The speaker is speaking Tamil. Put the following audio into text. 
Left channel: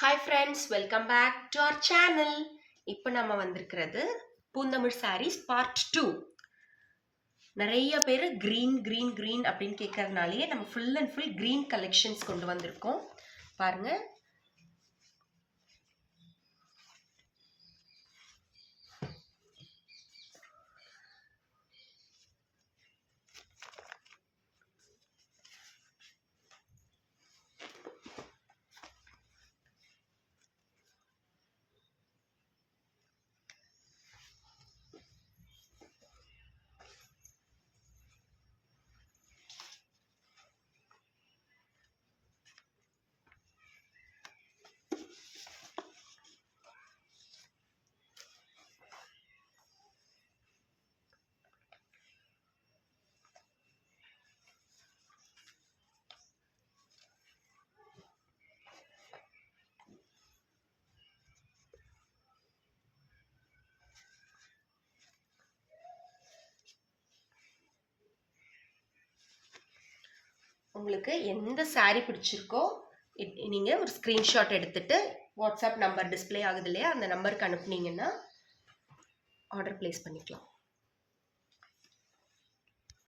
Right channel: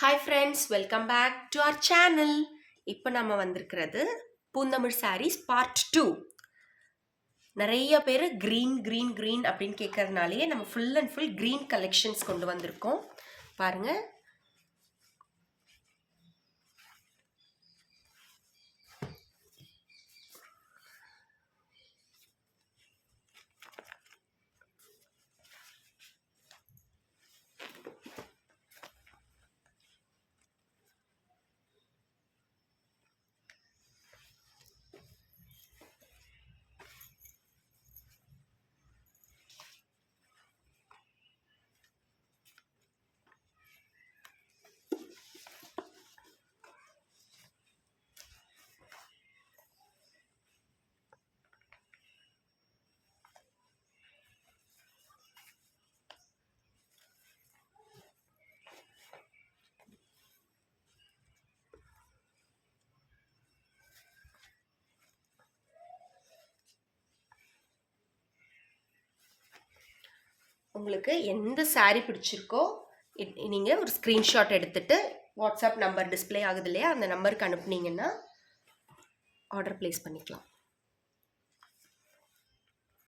Hi friends, welcome back to our channel. இப்போ நம்ம வந்திருக்கிறது பூந்தமிழ் சாரீஸ் பார்ட் 2. நிறைய பேர் க்ரீன் க்ரீன் க்ரீன் அப்படின்னு கேட்கறதுனாலேயே நம்ம full and full green collections கொண்டு வந்திருக்கோம். பாருங்கள், உங்களுக்கு எந்த சாரீ பிடிச்சிருக்கோ நீங்கள் ஒரு ஸ்க்ரீன்ஷாட் எடுத்துகிட்டு வாட்ஸ்அப் நம்பர் டிஸ்பிளே ஆகுது இல்லையா, அந்த நம்பருக்கு அனுப்புனீங்கன்னா ஆர்டர் ப்ளேஸ் பண்ணிக்கலாம்.